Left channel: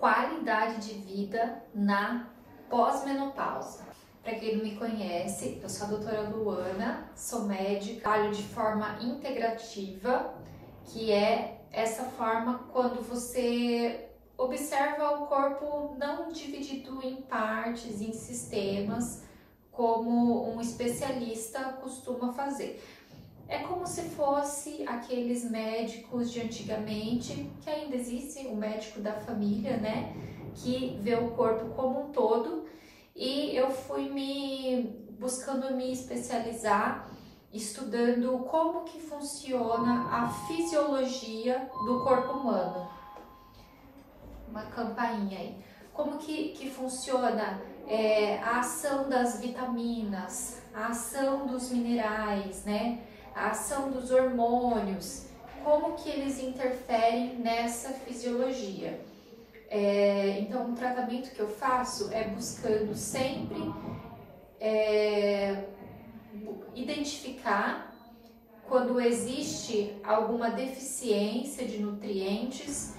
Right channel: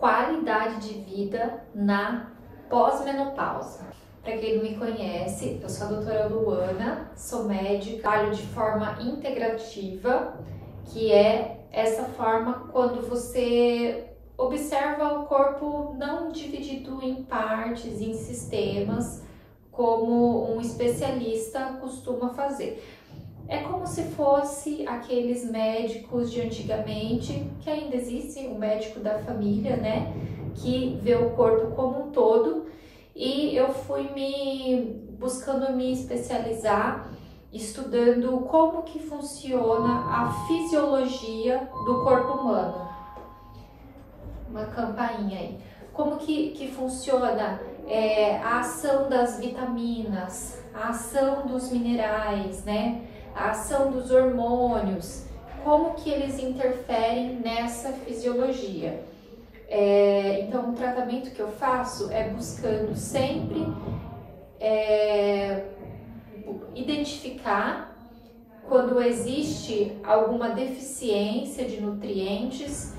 qualidade de vida na pós-menopausa. Para quem não me conhece, eu sou a doutora Luana, sou médica, trabalho de forma integrativa, que é essa forma quando você observa o corpo não dividido em partes, em sistemas, como um especialista costuma fazer. É como se fosse aqueles médicos de antigamente, que ainda existe, o médico da família, né? Que vê o corpo como um todo. E eu fui buscando me especializar, estudando como que funciona a fisiologia do corpo humano. Uma campainha aí. Como que funciona a ação das vitaminas, a ação dos minerais, né? A ação dos hormônios, como que eles interferem nessa fisiologia. Então, o tratamento que eu faço é buscando sempre identificar quando existe alguma deficiência de nutrientes,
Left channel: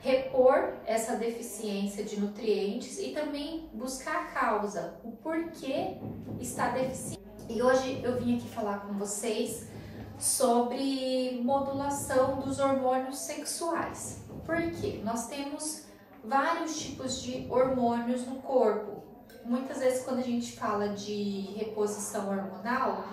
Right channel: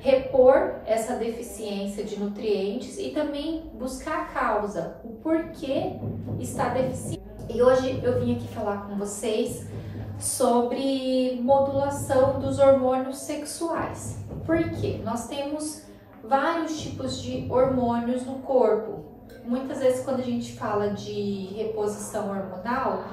repor essa deficiência de nutrientes e também buscar a causa, o porquê está deficiente. E hoje eu vim aqui falar com vocês sobre modulação dos hormônios sexuais. Por quê? Nós temos vários tipos de hormônios no corpo. Muitas vezes quando a gente fala de reposição hormonal,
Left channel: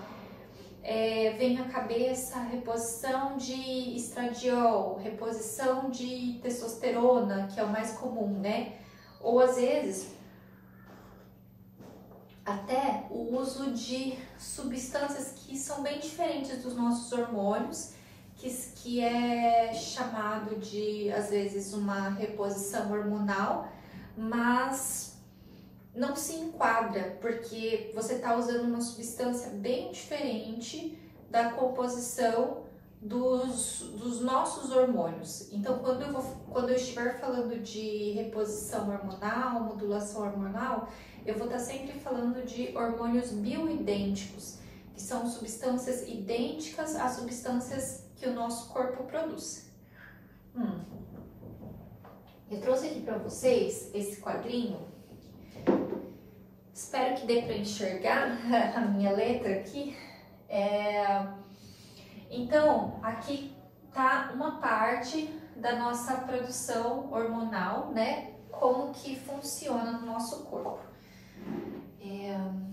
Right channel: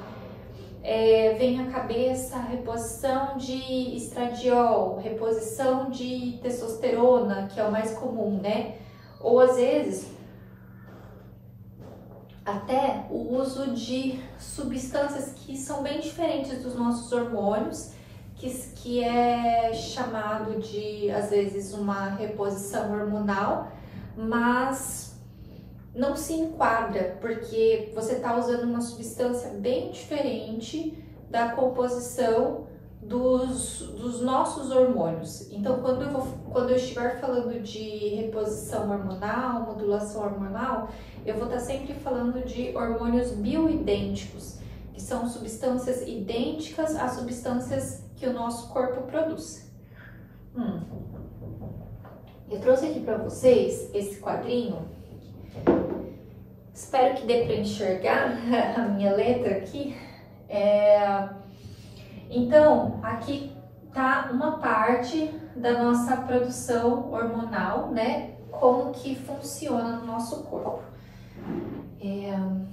vem à cabeça a reposição de estradiol, reposição de testosterona, que é o mais comum, né? Ou às vezes até o uso de substâncias que são bem diferentes dos nossos hormônios, que é chamado de, às vezes, uma reposição hormonal, mas não se enquadra, porque você está usando uma substância bem diferente da composição dos nossos hormônios. Então, quando eu estiver falando de reposição hormonal, modulação hormonal, eu vou estar sempre falando de hormônios bioidênticos, que são substâncias idênticas às substâncias que o nosso corpo produz. Eu trouxe aqui para vocês esse quadrinho. Espero que dê para enxergar a minha letra aqui. Então, aqui tá uma parte da nossa produção hormonal, né? Como que funciona no nosso corpo.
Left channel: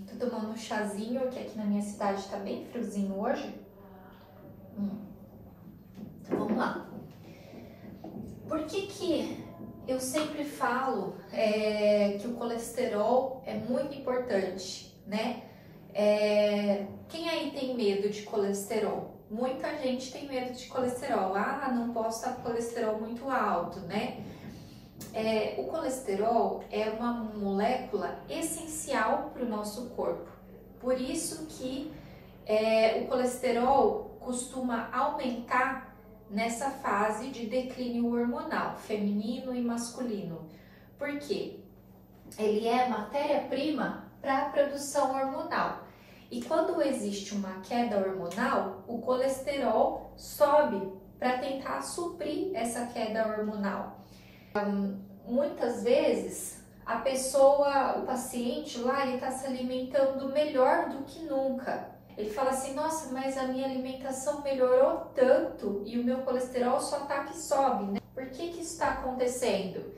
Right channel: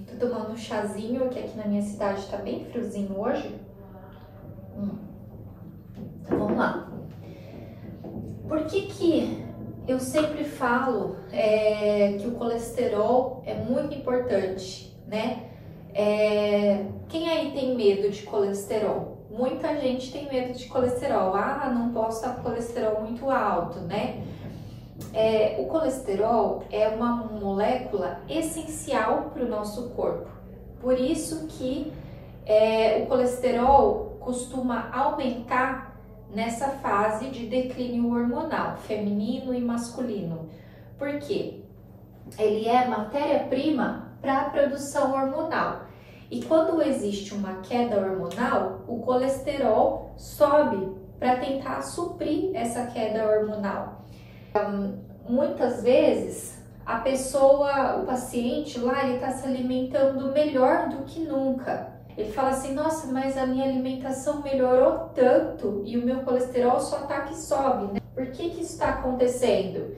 Tô tomando um chazinho, que aqui na minha cidade tá bem friozinho hoje. Então, vamos lá. Por que eu sempre falo que o colesterol é muito importante, né? Quem aí tem medo de colesterol? Muita gente tem medo de colesterol. Não posso estar com colesterol muito alto, né? O colesterol é uma molécula essencial para o nosso corpo. Por isso que o colesterol costuma aumentar nessa fase de declínio hormonal, feminino e masculino. Por quê? Ele é matéria-prima para a produção hormonal. E quando existe uma queda hormonal, o colesterol sobe para tentar suprir essa queda hormonal. Muitas vezes o paciente lá, ele está se alimentando melhor do que nunca. Ele fala assim, nossa, mas a minha alimentação melhorou tanto e o meu colesterol só tá que sobe, né? Por que isso está acontecendo?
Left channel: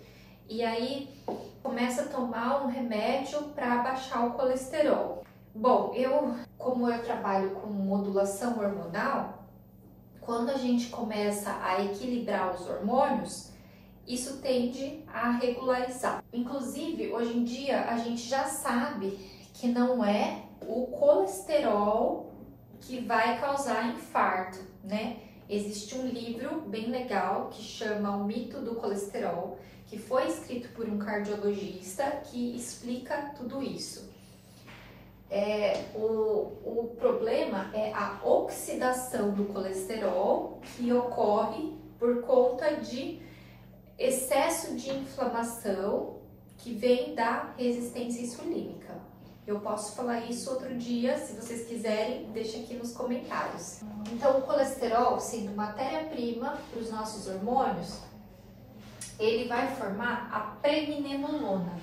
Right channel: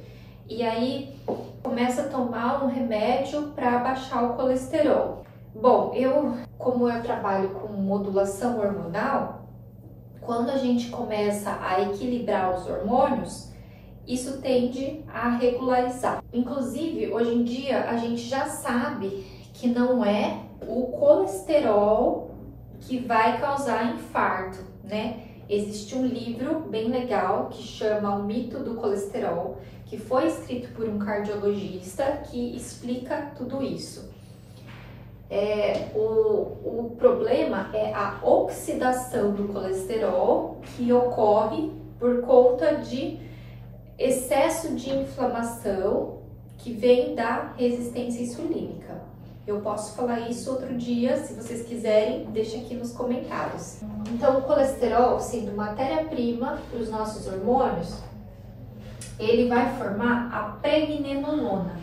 E aí começa a tomar um remédio para baixar o colesterol. Bom, como eu trabalho com modulação hormonal, quando a gente começa a equilibrar os hormônios, isso tende a regularizar. Inclusive, hoje em dia, a gente já sabe que não é o colesterol que vai causar infarto, né? Existe um livro bem legal que chama O Mito do Colesterol, que foi escrito por um cardiologista que explica tudo isso. O problema é a oxidação do colesterol que ocorre por conta de excesso de inflamação que vem da resistência insulínica. Eu posso falar isso outro dia, se vocês quiserem, deixa aqui nos comentários. Então, o colesterol, sendo matéria-prima para os nossos hormônios, ele vai formar a pregnenolona,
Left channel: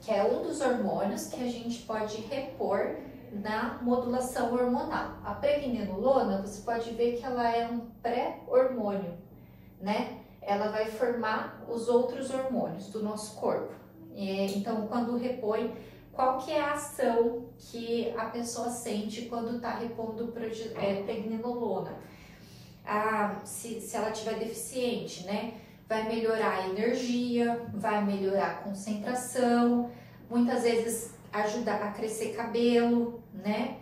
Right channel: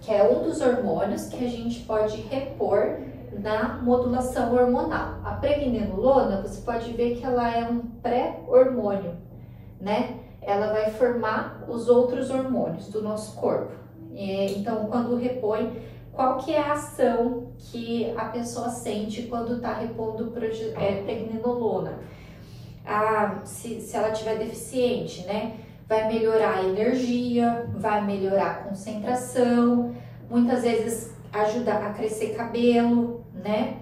que é um dos hormônios que a gente pode repor na modulação hormonal. A pregnenolona, você pode ver que ela é um pré-hormônio, né? Ela vai formar os outros hormônios do nosso corpo. Então, quando repõe, qual que é a ação que a pessoa sente quando está repondo pregnenolona? Se ela tiver deficiente, né? Vai melhorar a energia, vai melhorar a concentração, muitas vezes ajuda a crescer cabelo, né?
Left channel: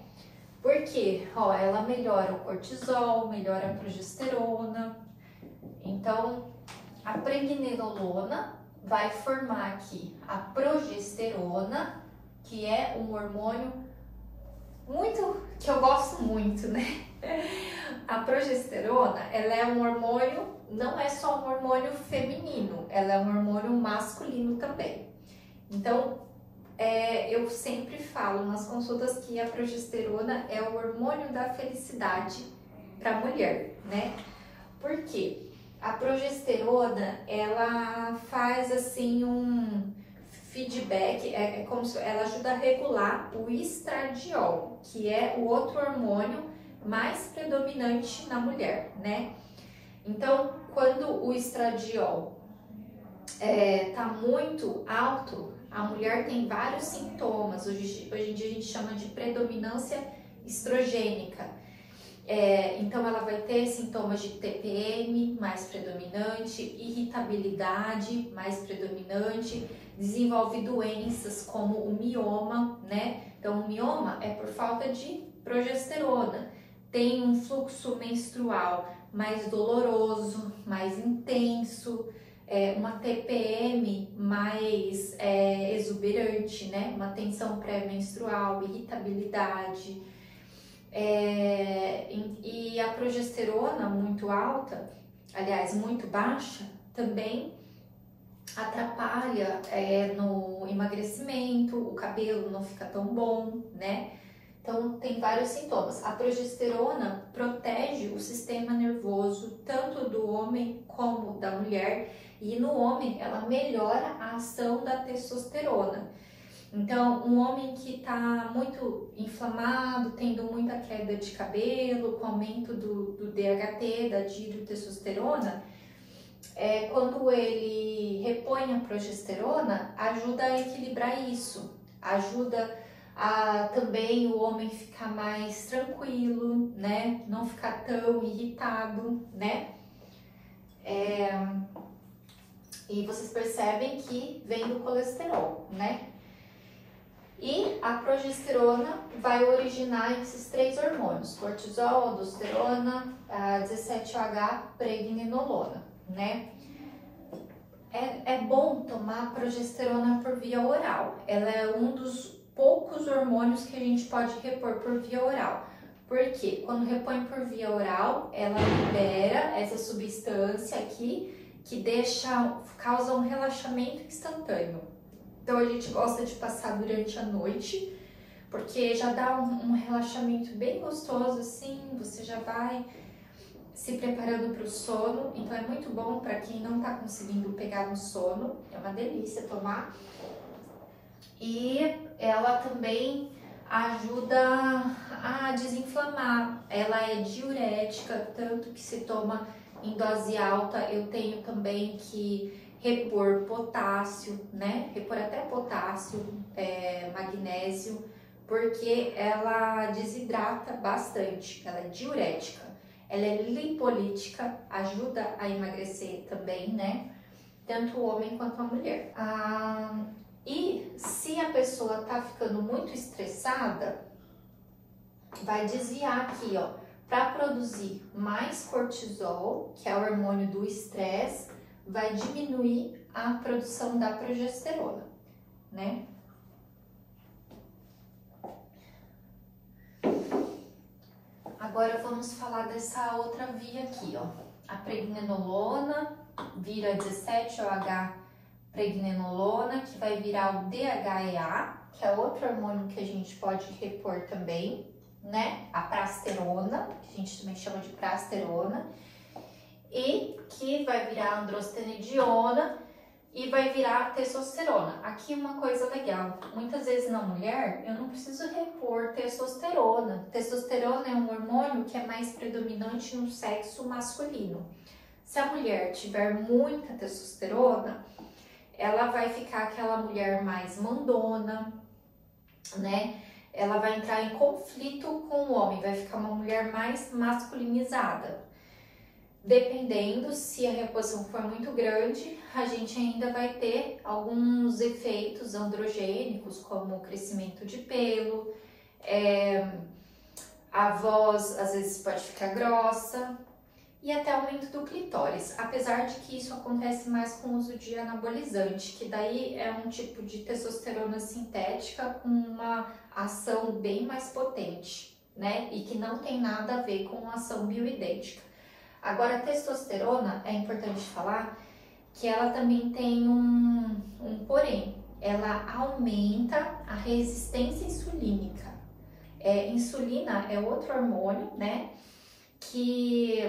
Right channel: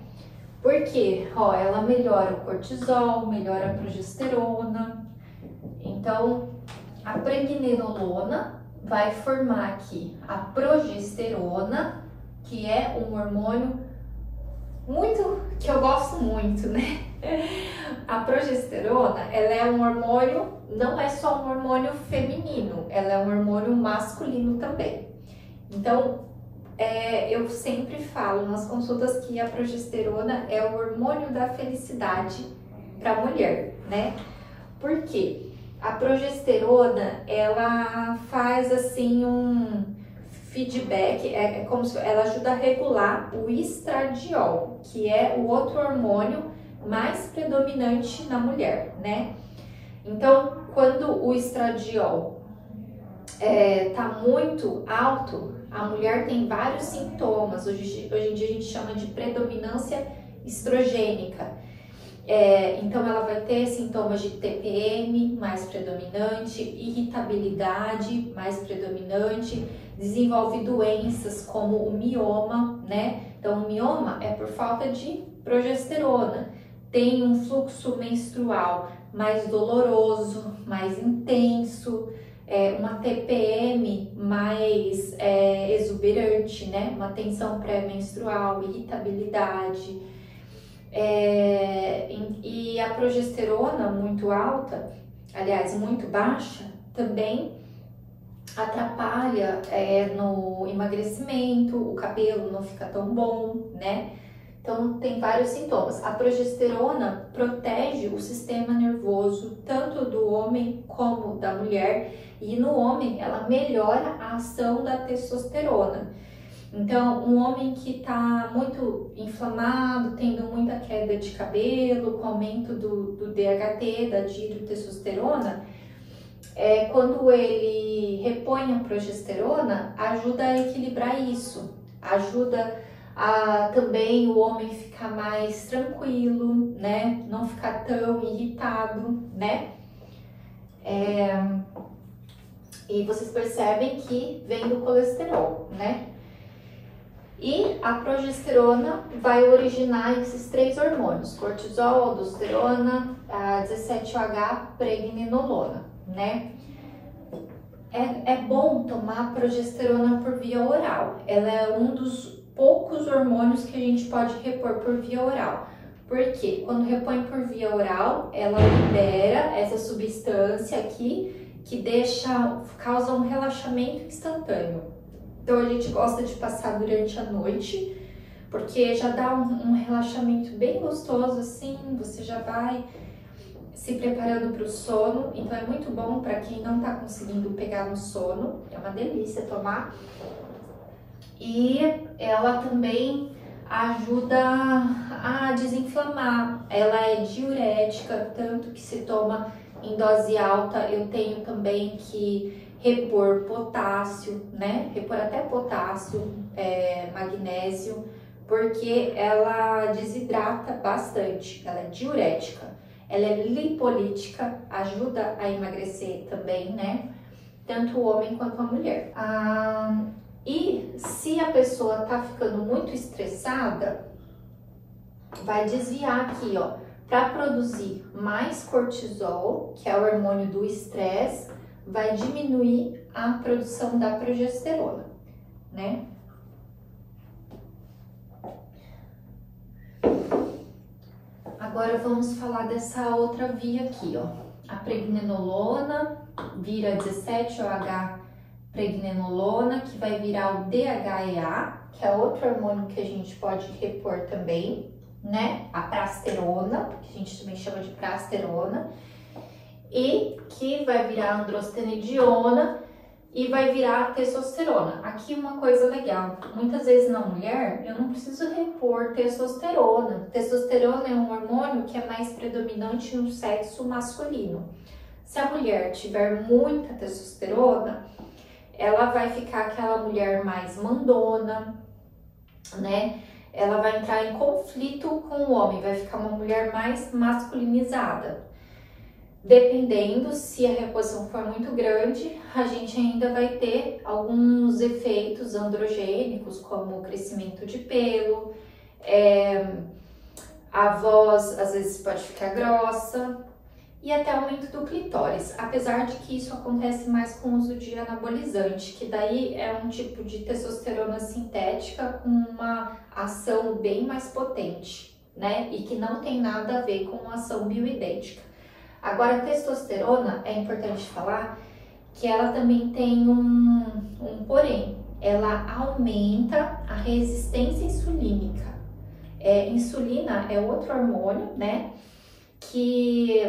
Porque, ó, ela melhora o cortisol, melhora a progesterona. Então, a pregnenolona vai formar aqui a progesterona, que é um hormônio que eu gosto muito, né? A progesterona, ela é um hormônio, não é só um hormônio feminino, ela é um hormônio masculino também. Então, eu sempre falo nas consultas que a progesterona é o hormônio da felicidade para a mulher, né? Por quê? A progesterona, ela faz assim um feedback, é como se ela ajuda a regular o estradiol, que é o outro hormônio mais predominante na mulher, né? Então, quando o estradiol tá muito alto, a mulher tem vários sintomas. Hoje em dia a gente chama de predominância estrogênica. Então ela vai ter sintomas de TPM mais predominante, irritabilidade mais predominante, desenvolve doenças como o mioma, né? Então o mioma é por falta de progesterona, tem um fluxo menstrual mais doloroso, mais intenso, uma TPM mais exuberante, né? Uma tensão pré-menstrual, irritabilidade. E a progesterona muito alta, aliás, muito baixa, também atrapalha no emagrecimento, o cabelo não fica tão bom, né? Então, tem vários sintomas. A progesterona protege o sistema nervoso, tanto do homem como da mulher, e no homem ela melhora a ação da testosterona. Então, um homem que está muito inflamado, tendo muita queda de cabelo, com aumento do DHT, da dihidrotestosterona, quando ele repõe a progesterona, ajuda a equilibrar isso, ajuda também o homem ficar mais tranquilo, né? Não ficar tão irritado, né? E vocês percebem que vem do colesterol, né? E a progesterona vai originar esses três hormônios, cortisol, aldosterona, a 17-OH, pregnenolona, né? É bom tomar progesterona por via oral. Ela é um dos poucos hormônios que a gente pode repor por via oral. Porque quando repõe por via oral, ela libera essa substância aqui que causa um relaxamento instantâneo. Então a gente gosta de passar durante a noite, porque já dá um relaxamento bem gostoso assim, você já vai se preparando para o sono. Então é muito bom para quem não está conseguindo pegar no sono, é uma delícia tomar. E ela também ajuda a desinflamar, ela é diurética, tanto que se toma em dose alta. Eu tenho também que repor potássio, né? Repor até potássio, magnésio, porque ela desidrata bastante, ela é diurética, ela é lipolítica, ajuda a emagrecer também, né? Tanto o homem quanto a mulher. E se a pessoa tá ficando muito estressada, vai desviar aqui, ó, para produzir mais cortisol, que é o hormônio do estresse, vai diminuir a produção da progesterona, né? Agora vamos falar dessa outra via aqui, ó. A pregnenolona vira 17-OH pregnenolona, que vai virar o DHEA, que é outro hormônio que a gente pode repor também, né? A prasterona, que a gente também chama de prasterona. e que vai virar androstenediona e vai virar testosterona. Aqui uma coisa legal, muitas vezes na mulher eu não preciso repor testosterona. Testosterona é um hormônio que é mais predominante no sexo masculino. Se a mulher tiver muita testosterona, ela vai ficar aquela mulher mais mandona, né? Ela vai entrar em conflito com o homem, vai ficar uma mulher mais masculinizada. Dependendo, se a reposição for muito grande, a gente ainda vai ter alguns efeitos androgênicos, como o crescimento de pelo, a voz às vezes pode ficar grossa e até aumento do clitóris, apesar de que isso acontece mais com o uso de anabolizante, que daí é um tipo de testosterona sintética com uma ação bem mais potente, né? E que não tem nada a ver com ação bioidêntica. Agora, a testosterona, é importante falar que ela também tem um porém. Ela aumenta a resistência insulínica. Insulina é outro hormônio, né? Que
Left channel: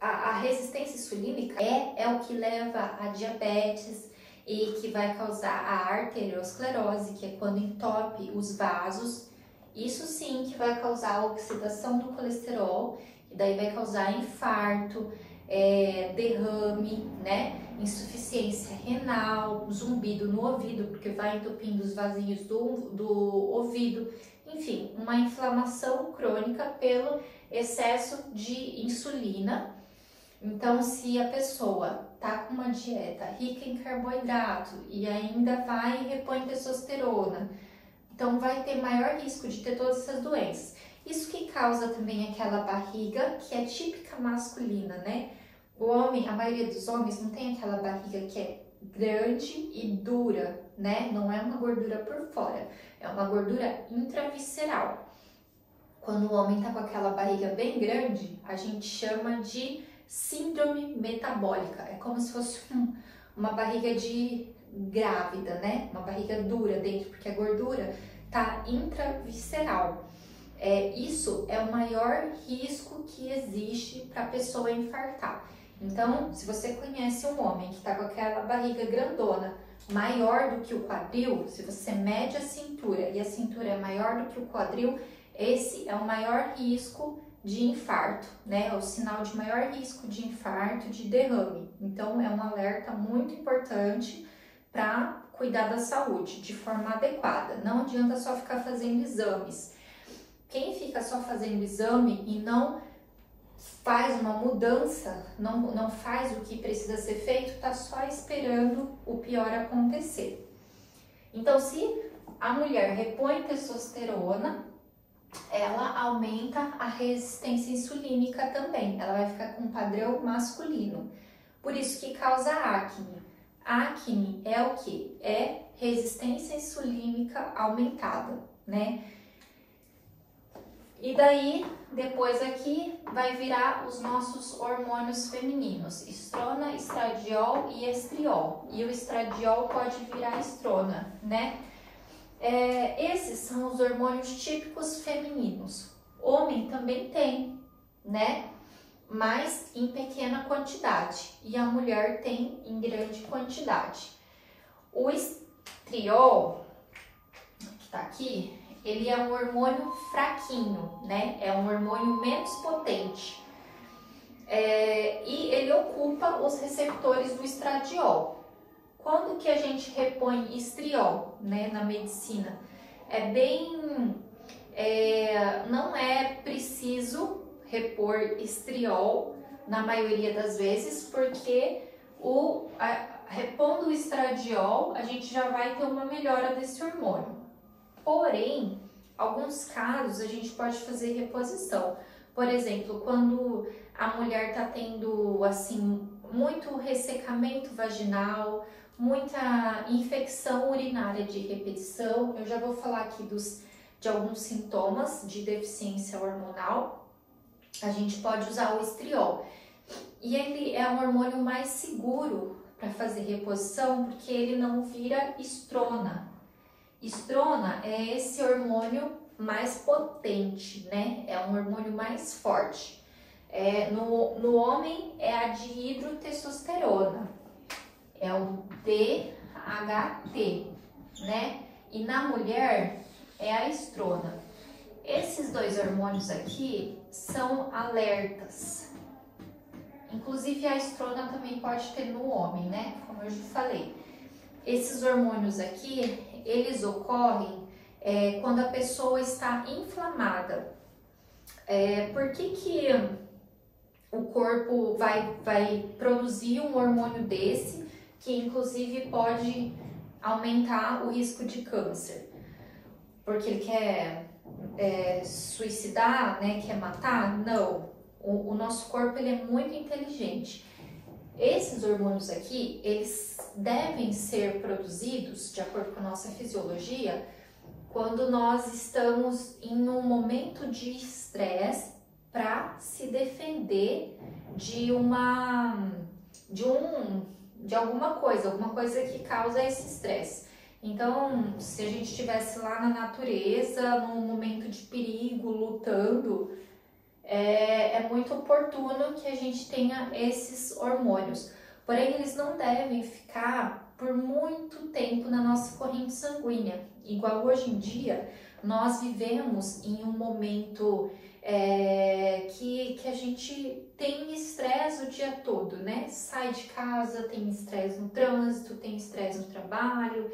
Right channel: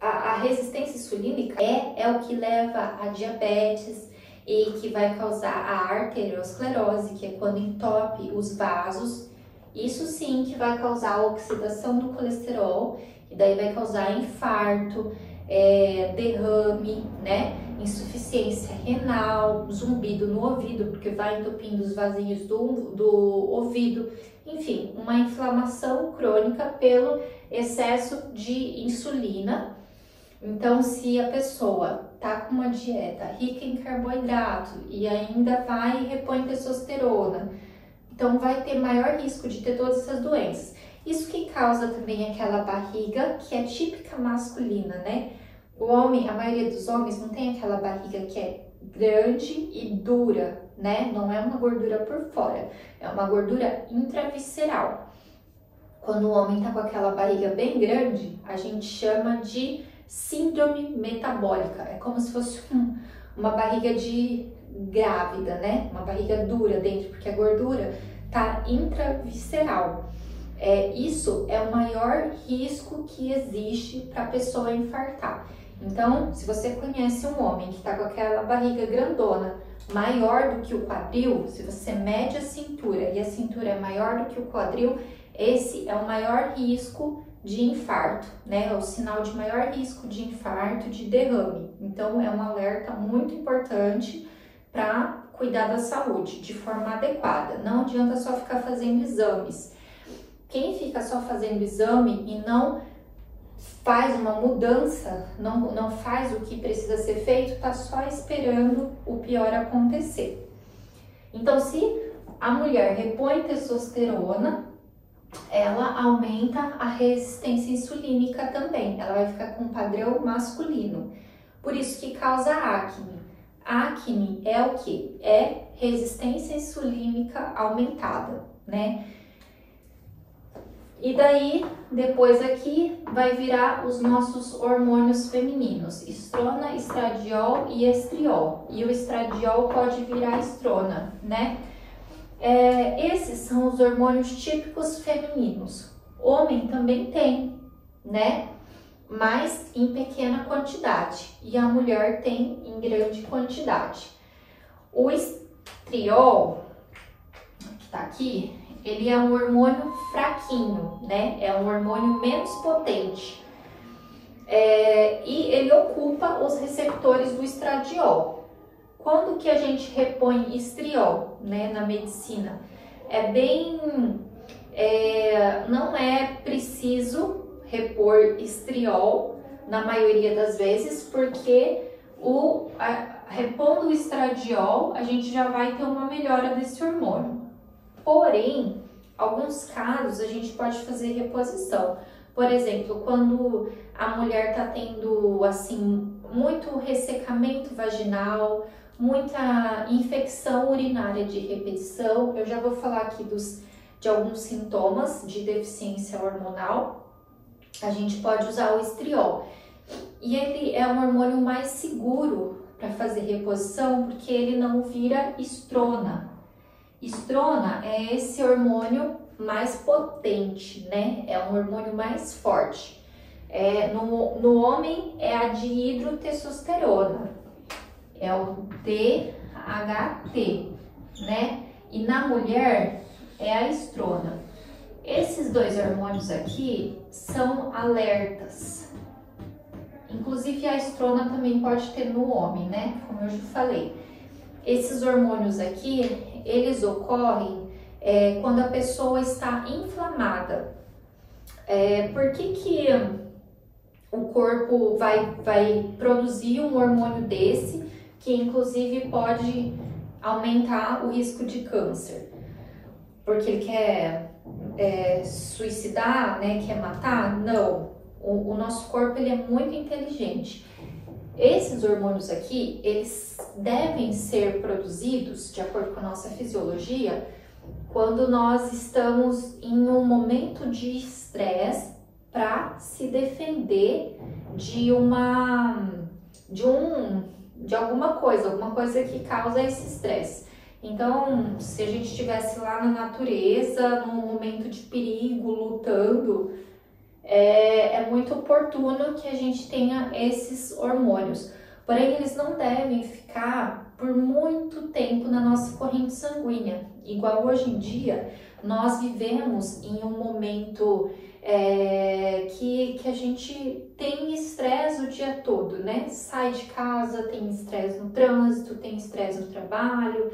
a resistência insulínica é o que leva a diabetes e que vai causar a arteriosclerose, que é quando entope os vasos. Isso sim que vai causar a oxidação do colesterol, e daí vai causar infarto, derrame, né? Insuficiência renal, zumbido no ouvido, porque vai entupindo os vasinhos do ouvido. Enfim, uma inflamação crônica pelo excesso de insulina. Então, se a pessoa tá com uma dieta rica em carboidrato e ainda vai e repõe testosterona, então vai ter maior risco de ter todas essas doenças. Isso que causa também aquela barriga que é típica masculina, né? O homem, a maioria dos homens não tem aquela barriga que é grande e dura, né? Não é uma gordura por fora, é uma gordura intravisceral. Quando o homem tá com aquela barriga bem grande, a gente chama de síndrome metabólica. É como se fosse uma barriga de grávida, né? Uma barriga dura dentro, porque a gordura tá intravisceral. Isso é o maior risco que existe para a pessoa infartar. Então, se você conhece um homem que está com aquela barriga grandona, maior do que o quadril, se você mede a cintura e a cintura é maior do que o quadril, esse é o maior risco de infarto, né? É o sinal de maior risco de infarto, de derrame. Então, é um alerta muito importante para cuidar da saúde de forma adequada. Não adianta só ficar fazendo exames. Quem fica só fazendo exame e não faz uma mudança, não faz o que precisa ser feito, está só esperando o pior acontecer. Então, se a mulher repõe testosterona, ela aumenta a resistência insulínica também. Ela vai ficar com um padrão masculino. Por isso que causa acne. Acne é o que? É resistência insulínica aumentada, né? E daí, depois aqui, vai virar os nossos hormônios femininos, estrona, estradiol e estriol. E o estradiol pode virar estrona, né? Esses são os hormônios típicos femininos. Homem também tem, né? Mas em pequena quantidade. E a mulher tem em grande quantidade. O estriol, que tá aqui, ele é um hormônio fraquinho, né? É um hormônio menos potente. E ele ocupa os receptores do estradiol. Quando que a gente repõe estriol, né, na medicina? Não é preciso repor estriol na maioria das vezes, porque repondo o estradiol, a gente já vai ter uma melhora desse hormônio. Porém, alguns casos a gente pode fazer reposição. Por exemplo, quando a mulher está tendo assim muito ressecamento vaginal, muita infecção urinária de repetição, eu já vou falar aqui de alguns sintomas de deficiência hormonal, a gente pode usar o estriol. E ele é um hormônio mais seguro para fazer reposição, porque ele não vira estrona. Estrona é esse hormônio mais potente, né? É um hormônio mais forte. No homem é a dihidrotestosterona, é o DHT, né? E na mulher é a estrona. Esses dois hormônios aqui são alertas. Inclusive a estrona também pode ter no homem, né? Como eu já falei. Esses hormônios aqui, eles ocorrem quando a pessoa está inflamada. Por que o corpo vai produzir um hormônio desse, que inclusive pode aumentar o risco de câncer? Porque ele quer suicidar, né? Quer matar? Não. O nosso corpo ele é muito inteligente. Esses hormônios aqui, eles devem ser produzidos, de acordo com a nossa fisiologia, quando nós estamos em um momento de estresse para se defender de alguma coisa que causa esse estresse. Então, se a gente estivesse lá na natureza, num momento de perigo, lutando, é muito oportuno que a gente tenha esses hormônios. Porém, eles não devem ficar por muito tempo na nossa corrente sanguínea. Igual hoje em dia, nós vivemos em um momento que a gente tem estresse o dia todo, né? Sai de casa, tem estresse no trânsito, tem estresse no trabalho.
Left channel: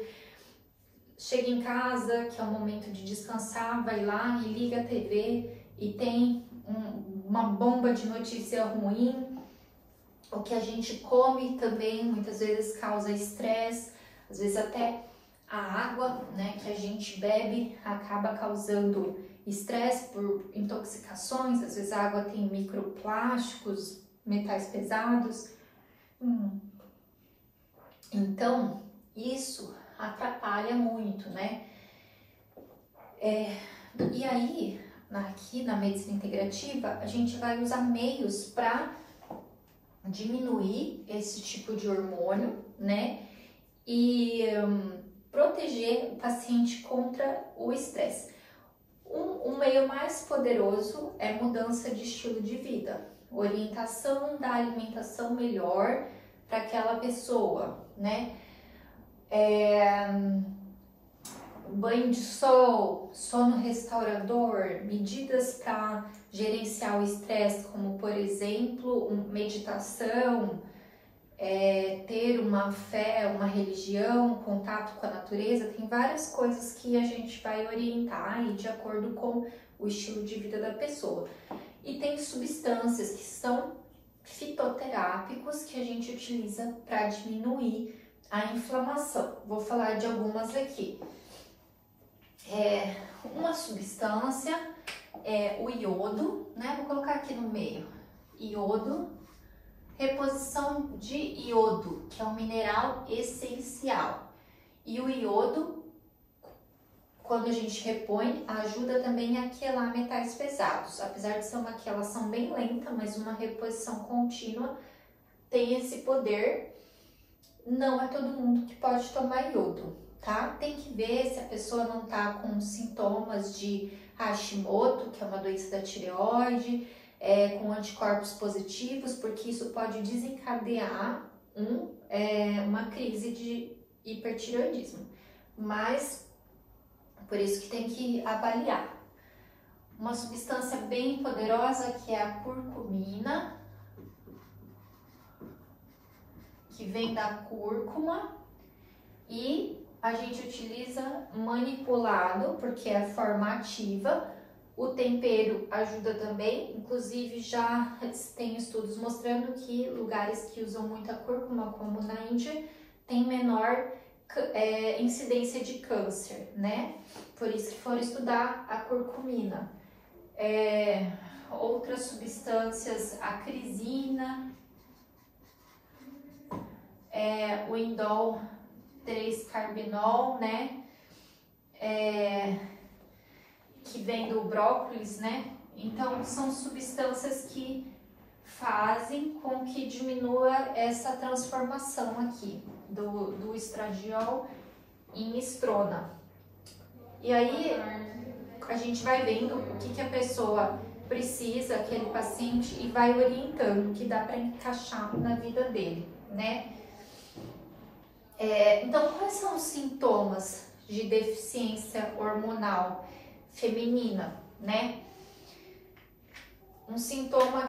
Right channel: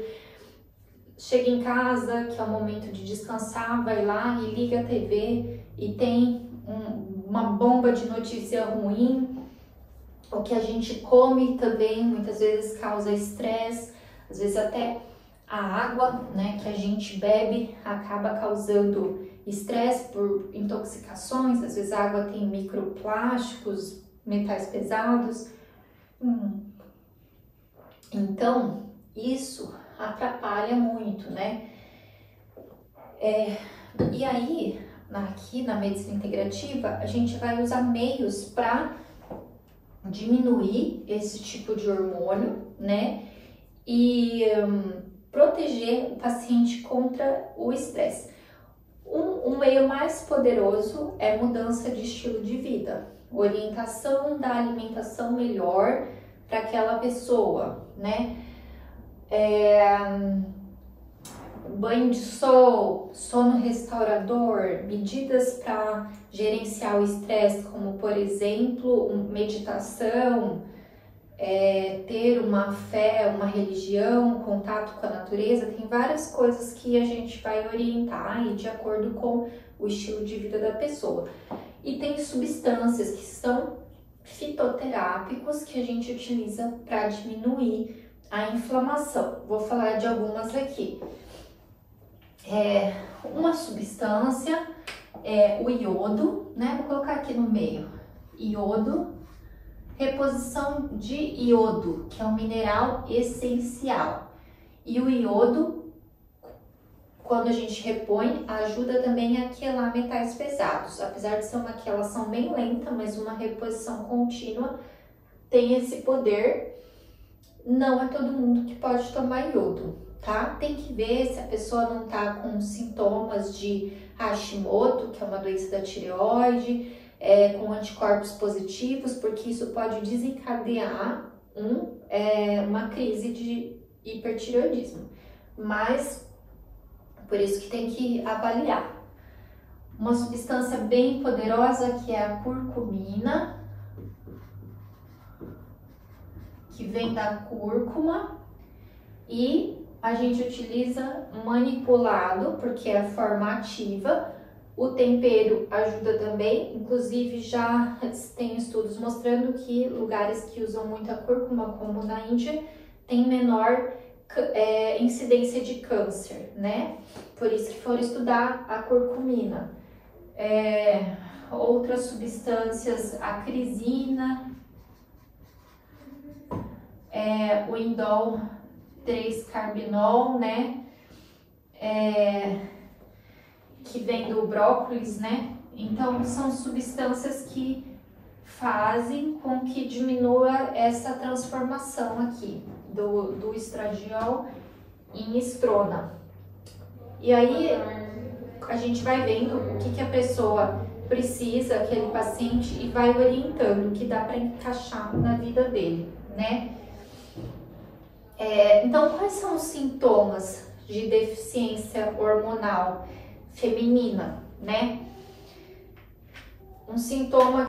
Chega em casa, que é o momento de descansar, vai lá e liga a TV e tem uma bomba de notícia ruim. O que a gente come também muitas vezes causa estresse, às vezes até a água, né, que a gente bebe acaba causando estresse por intoxicações. Às vezes a água tem microplásticos, metais pesados. Então, isso atrapalha muito, né? E aí, aqui na medicina integrativa, a gente vai usar meios para diminuir esse tipo de hormônio, né? E proteger o paciente contra o estresse. Um meio mais poderoso é mudança de estilo de vida, orientação da alimentação melhor para aquela pessoa, né? Banho de sol, sono restaurador, medidas para gerenciar o estresse, como por exemplo, meditação, ter uma fé, uma religião, contato com a natureza. Tem várias coisas que a gente vai orientar aí de acordo com o estilo de vida da pessoa. E tem substâncias que são fitoterápicos que a gente utiliza para diminuir a inflamação. Vou falar de algumas aqui. Uma substância é o iodo, né? Vou colocar aqui no meio. Iodo, reposição de iodo, que é um mineral essencial. E o iodo, quando a gente repõe, ajuda também a quelar metais pesados. Apesar de ser uma quelação bem lenta, mas uma reposição contínua tem esse poder. Não é todo mundo que pode tomar iodo, tá? Tem que ver se a pessoa não tá com sintomas de Hashimoto, que é uma doença da tireoide, com anticorpos positivos, porque isso pode desencadear uma crise de hipertireoidismo. Mas, por isso que tem que avaliar. Uma substância bem poderosa que é a curcumina, que vem da cúrcuma, e a gente utiliza manipulado, porque é a forma ativa. O tempero ajuda também, inclusive já tem estudos mostrando que lugares que usam muita cúrcuma, como na Índia, tem menor incidência de câncer, né? Por isso que for estudar a curcumina. Outras substâncias, a crisina, o indol 3-carbinol, né? Que vem do brócolis, né? Então, são substâncias que fazem com que diminua essa transformação aqui do estradiol em estrona. E aí, a gente vai vendo o que a pessoa precisa, aquele paciente, e vai orientando o que dá para encaixar na vida dele, né? Então, quais são os sintomas de deficiência hormonal feminina, né? Um sintoma